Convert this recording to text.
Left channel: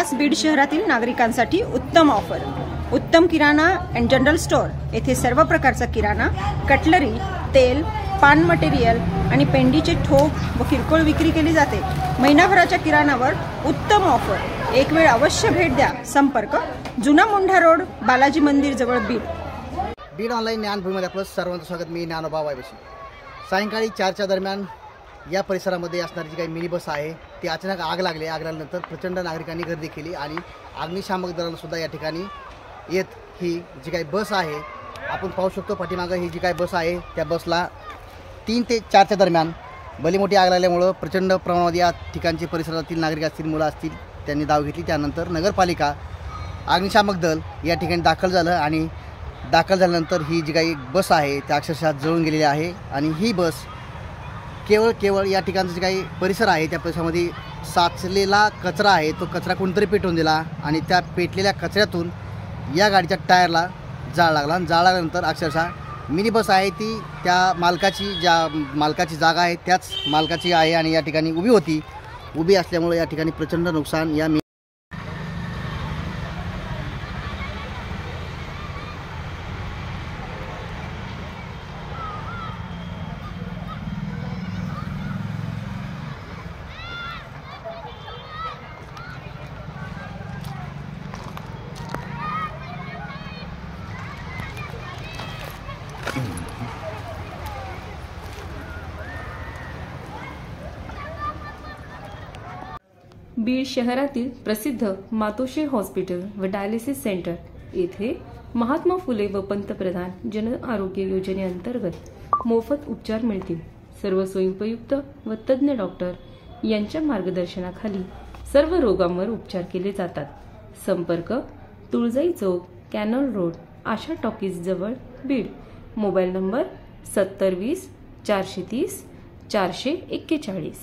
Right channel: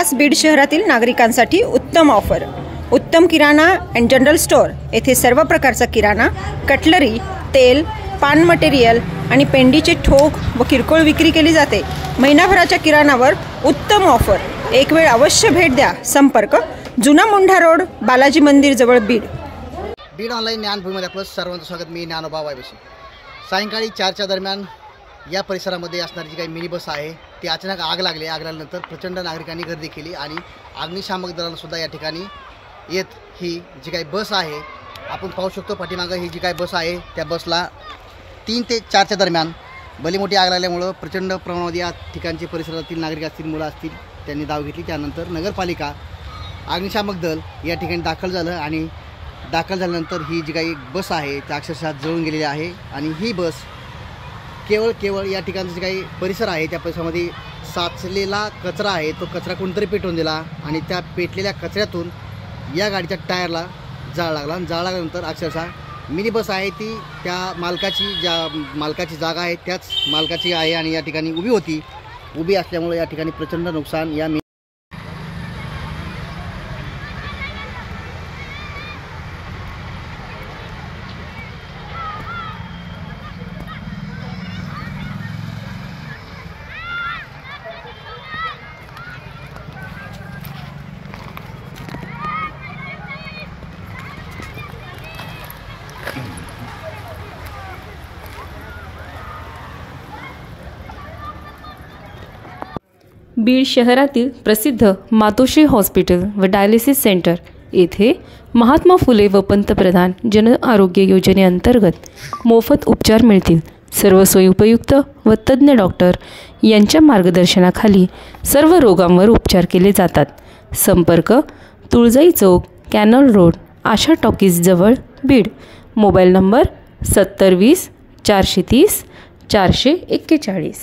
खास बीड शहरातील नागरिकांसाठी उत्तम ऑफर। उत्तम किराणा अँड जनरल स्टोअर येथे सर्व प्रकारचा किराणा, कटलरी, तेल, पान मटेरियल आणि पेंडीचे ठोक व किरकोळ विक्री केली जाते। महिनाभराच्या किराणावर उत्तम ऑफर। एक वेळ अवश्य भेट द्या। संपर्क जुना मुंढा रोड, बालाजी मंदिर जवळ, बीड। बीड ऑनलाईन ज्ञानभूमीमध्ये आपलं सर्वांचं स्वागत। मी ज्ञानोबा वायबशी। सायंकाळी 4च्या दरम्यान या परिसरामध्ये असणारी जी काही मिनी बस आहे ती अचानक आग लागली। आग लागल्यानंतर प्रचंड नागरिकांनी गर्दी केली आणि अग्निशामक दलाला सुद्धा या ठिकाणी येत ही जी काही बस आहे आपण पाहू शकतो। पाठीमागे ही जी काही बस आहे त्या बसला 3 ते 4च्या दरम्यान भली मोठी आग लागल्यामुळे प्रचंड प्रमाणात या ठिकाणचे परिसरातील नागरिक असतील, मुलं असतील, त्यांनी धाव घेतली। त्यानंतर नगरपालिका, अग्निशामक दल या ठिकाणी दाखल झालं आणि दाखल झाल्यानंतर ही जी काही बस आहे त्या अक्षरशः जळून गेलेली आहे। आणि ही बस केवळ या ठिकाणचं जे काही परिसर आहे त्या परिसरामध्ये साचलेला कचरा आहे तो कचरा कोणतरी पेटवून दिला आणि त्या पेटलेल्या कचऱ्यातून या गाडीच्या टायरला जाळ लागला। आणि जाळ लागल्यानंतर अक्षरशः मिनी बस आहे ती त्या मालकाची जागा आहे त्याच मालकाची आहे आणि या ठिकाणी उभी असल्यामुळे या ठिकाणी प्रचंड नुकसान या बीड शहरातील प्रसिद्ध मातोश्री हॉस्पिटल व डायलिसिस सेंटर येथे महात्मा फुले व पंतप्रधान जन आरोग्य योजनेअंतर्गत मोफत उपचार मिळतील। सर्व सोयी उपयुक्त व तज्ज्ञ डॉक्टर यांच्या मार्गदर्शनाखाली सर्व रोगांवर उपचार केले जातात। संपर्क तुळजाई चौक, कॅनल रोड, आशा टॉकीज जवळ, बीड। Mobile number 7020 430 441।